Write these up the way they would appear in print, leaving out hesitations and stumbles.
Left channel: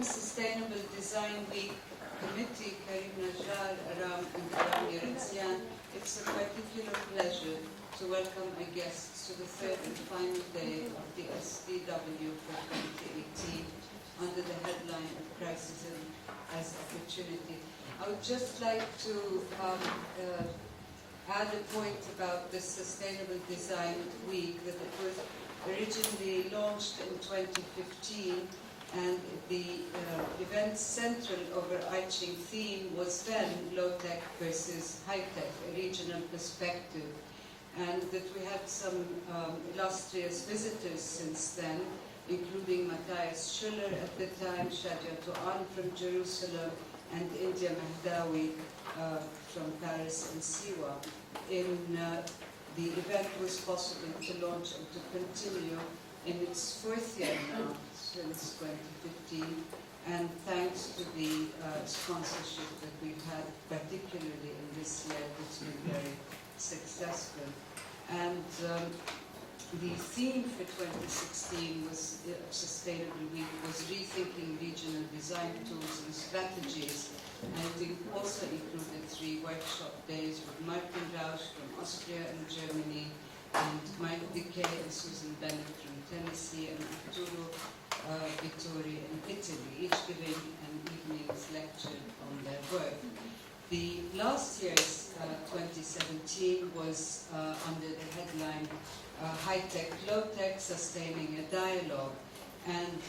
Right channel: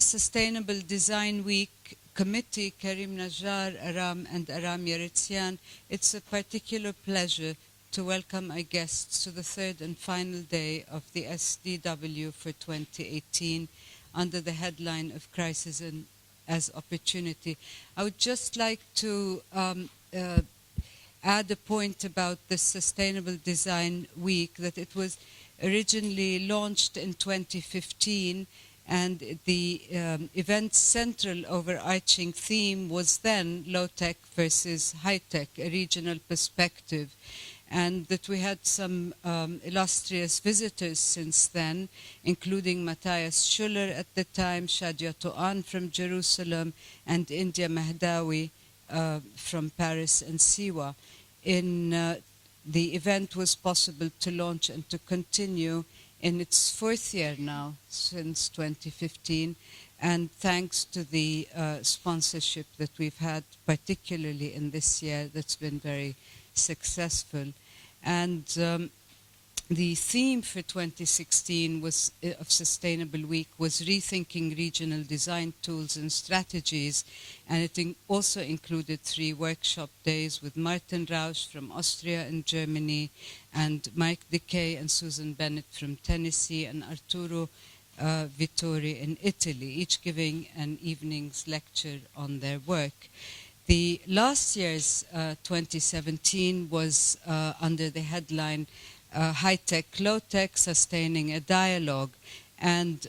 Sustainable Design Week Committee, Karim Najjar, Aram, and Aram Yeritzian, it's a particular pleasure to welcome our guests to the third and final day of the SDW for 2018 under the headline of Crisis as Opportunity. I would just like to add a point about this Sustainable Design Week, that it was originally launched in 2015, and the event's central overarching theme was then low-tech versus high-tech, a regional perspective, and that we had some illustrious visitors since then, including Matthias Schuller at the time, Shadia Touan from Jerusalem, and India Mahdawi from Paris and Siwa. The event was possible to launch and to continue in its fourth year now, since 2015, and thanks to the sponsorship that we've had, particularly in this year, that's been very successful. And the theme for 2016 of Sustainable Week was rethinking regional design tools and strategies, and it also included 3 workshop days with Martin Rausch from Austria and Germany, and Mike Decay and Susan Bennett from Tennessee, and Arturo Vittori in Italy, each giving an evening's lecture on their work. The last year's 2017 was under the headline High-Tech, Low-Tech, Sustaining a Dialogue. And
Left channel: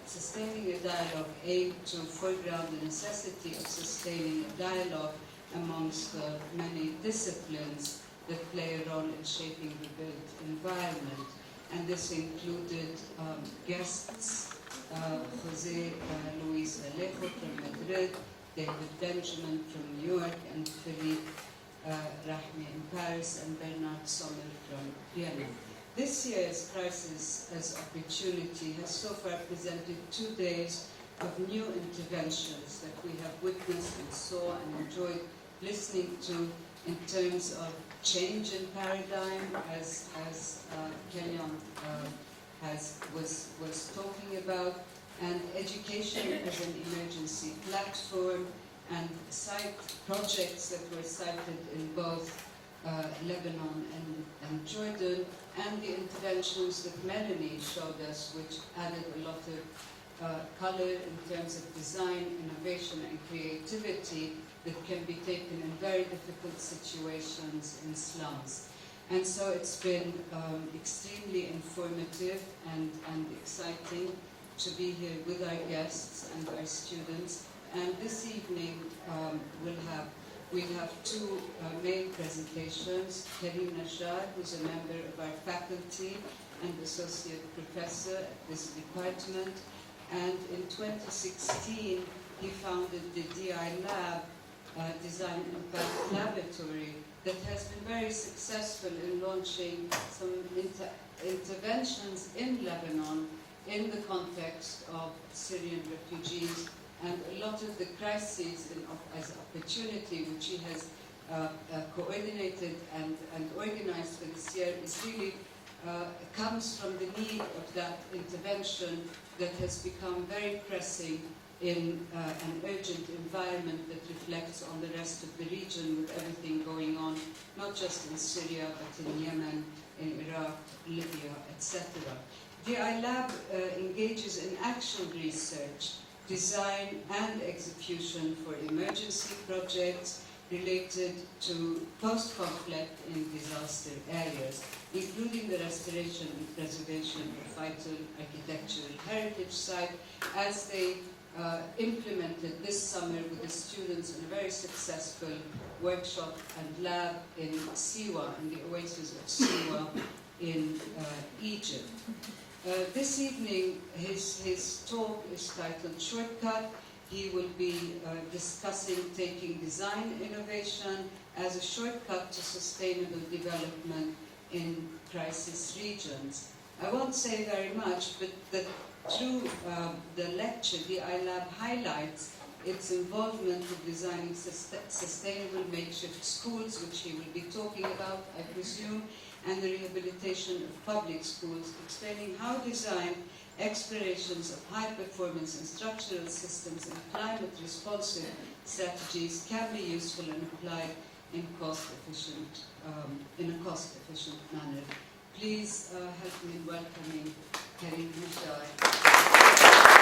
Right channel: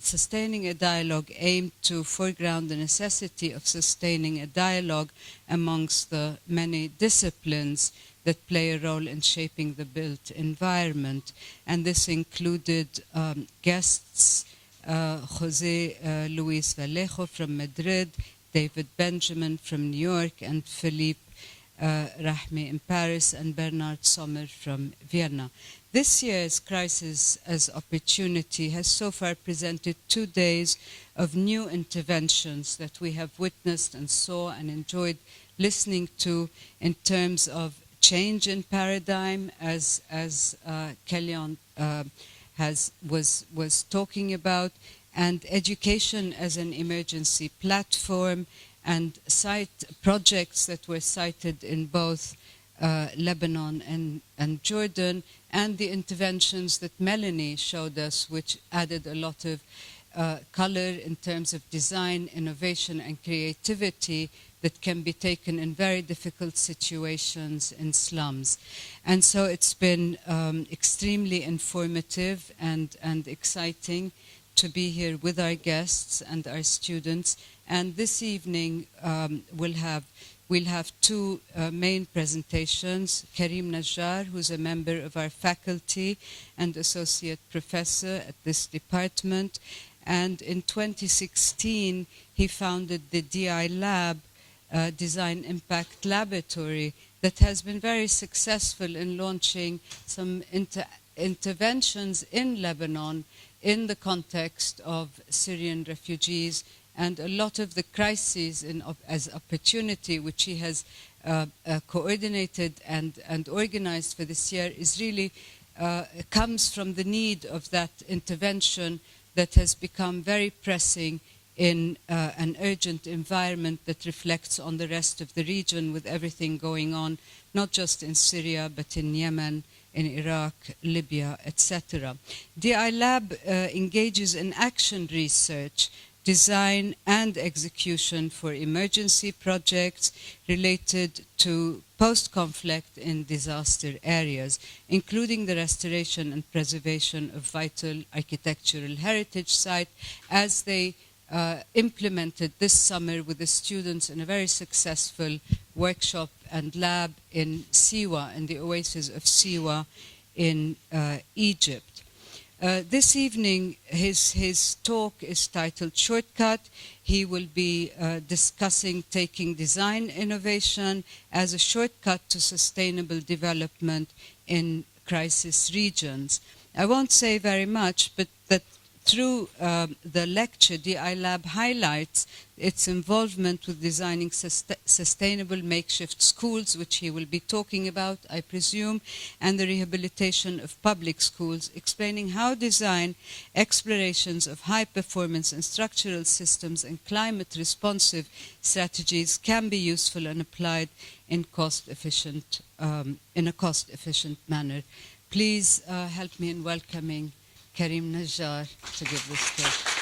Sustaining a Dialogue aimed to foreground the necessity of sustaining a dialogue amongst the many disciplines that play a role in shaping the built environment. And this included guests, Jose Luis Vallejo from Madrid, David Benjamin from New York, and Philippe Rahmi in Paris, and Bernard Sommer from Vienna. This year's Crisis as Opportunity has so far presented 2 days of new interventions that we have witnessed and saw and enjoyed listening to in terms of change in paradigm, as Kellyanne was talking about, and education as an emergency platform, and cite projects that were cited in both Lebanon and Jordan, and the interventions that Melanie showed us, which added a lot of color in terms of design, innovation, and creativity that can be taken in very difficult situations in slums. And so it's been extremely informative and exciting to be here with our guests and our students. And this evening we'll have 2 main presentations. Karim Najjar, who's a member of our faculty and associate professor at this department. And in 2016, he founded the DI Lab, Design Impact Laboratory, that has been very successful in launching some interventions in Lebanon in the context of Syrian refugees, and a lot of the crises as opportunity, which he has coordinated and organized for this year, is really comes from the need of that intervention that has become very pressing in an urgent environment that reflects on the rest of the region, with everything going on, not just in Syria, but in Yemen, in Iraq, Libya, etc. DI Lab engages in action research, design and execution for emergency projects related to post-conflict in disaster areas, including the restoration and preservation of vital architectural heritage sites, as they implemented this summer with the students in a very successful workshop and lab in Siwa, in the oasis of Siwa in Egypt. This evening, his talk is titled Shortcut. He will be discussing taking design innovation as a shortcut to sustainable development in crisis regions. I won't say very much, but that through the lecture, DI Lab highlights its involvement with designing sustainable makeshift schools, which he will be talking about, I presume, and the rehabilitation of public schools, explaining how design explorations of high performance and structural systems and climate responsive strategies can be useful and applied in a cost-efficient manner. Please help me in welcoming Karim Najjar to the discussion.